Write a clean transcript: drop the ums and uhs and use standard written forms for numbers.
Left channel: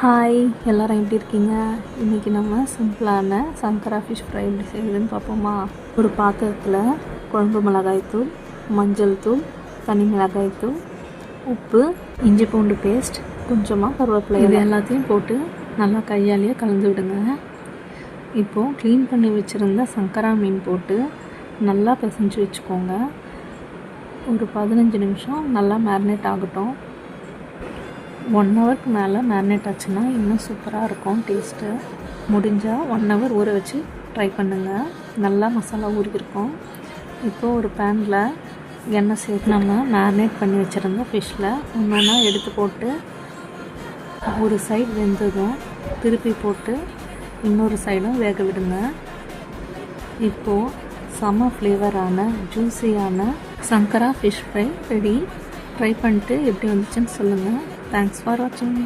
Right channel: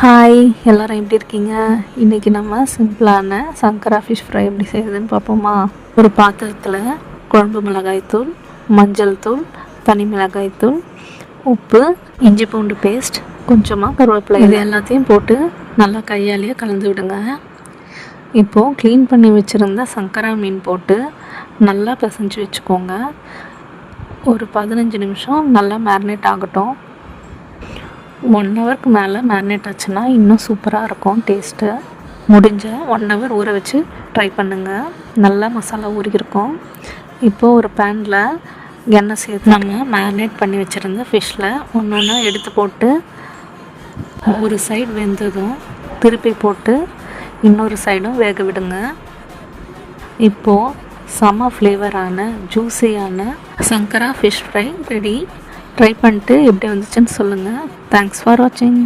Hi, எல்லோரும் எப்படி இருக்கீங்க? இன்றைக்கி நம்ம சிம்பிளான சங்கரா ஃபிஷ் ஃப்ரை எப்படி செய்யுதுன்னு பார்ப்போமா? ஒரு பாத்திரத்தில் குழம்பு மிளகாய்த்தூள், மஞ்சள் தூள், தனி மிளகாய்த்தூள், உப்பு, இஞ்சி பூண்டு பேஸ்ட், கொஞ்சமாக கருவேப்பிலை, இது எல்லாத்தையும் போட்டு நல்லா கையாலேயே கலந்து விடுங்க. இப்போது க்ளீன் பண்ணி வச்சுருந்த சங்கரா மீன் போட்டு நல்லா பிசைஞ்சு வச்சுக்கோங்க. ஒரு 15 நிமிஷம் நல்லா மேரினேட் ஆகட்டும். 1 ஹவருக்கு மேலே மேரினேட் ஆச்சுன்னா இன்னும் சூப்பராக இருக்கும் டேஸ்ட்டு. முடிஞ்சால் 1 ஹவர் ஊற வச்சு ட்ரை பண்ணுங்கள். நல்லா மசாலா ஊறியிருக்கும். இப்போது ஒரு பேனில் எண்ணெய் சேர்த்து நம்ம மேரினேட் பண்ணி வச்சுருந்த ஃபிஷ்ஷில் ஒன்று எடுத்து போட்டு ஒரு சைடு வெந்ததும் திருப்பி போட்டு இன்னொரு சைடும் வேக விடுங்க. இப்போது செம ஃப்ளேவரான ஜூஸியான சங்கரா ஃபிஷ் ஃப்ரை ரெடி. ட்ரை பண்ணிட்டு எப்படி வந்துச்சுன்னு சொல்லுங்கள். தேங்க்ஸ் ஃபார் வாட்சிங்.